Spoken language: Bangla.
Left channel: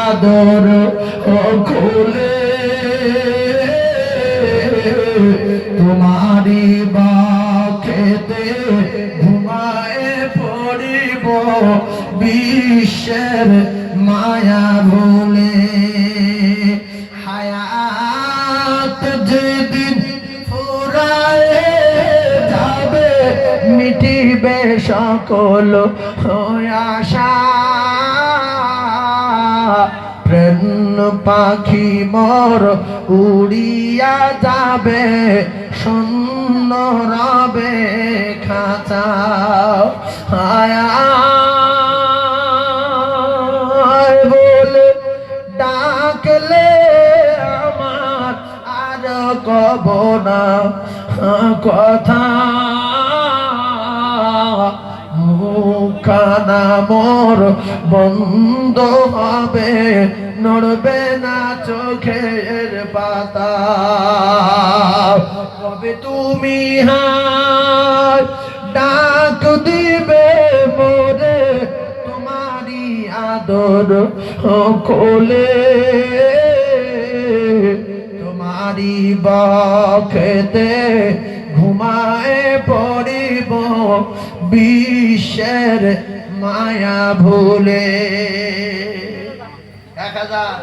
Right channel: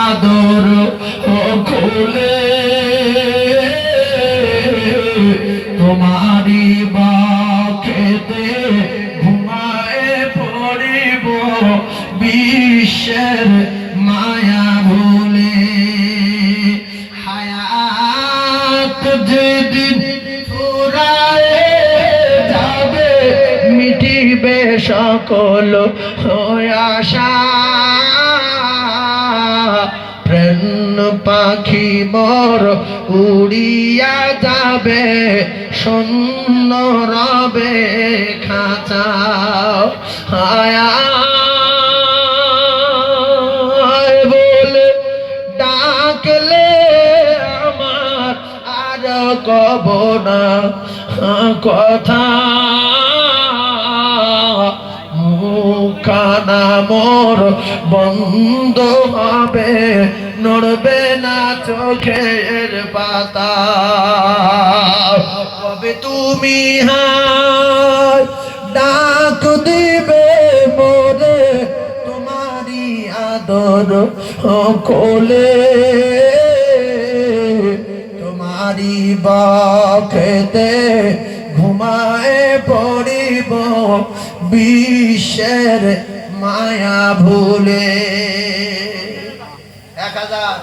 আদর খুলে তোমারি বাখেতে ঘুমায়ে পড়িব বিশ্বের মায়া ভুলে হায়াত যেদিন ফুরায়ে যাবে মিটিবে সকল আশা প্রেম পাখি মোর উড়িয়া যাবে শূন্য রবে খাঁচা হায় বলে ডাকলে আমার আর কব না কথা মুখানা মোর বন্ধ হবে নড়বে না চোখের পাতা কবে তুমি ডাক দিবে মোরে তোমারি আদর কোলে তোমারি বখেতে ঘুমায়ে পড়িব বিশ্বের মায়া ভুলে 1000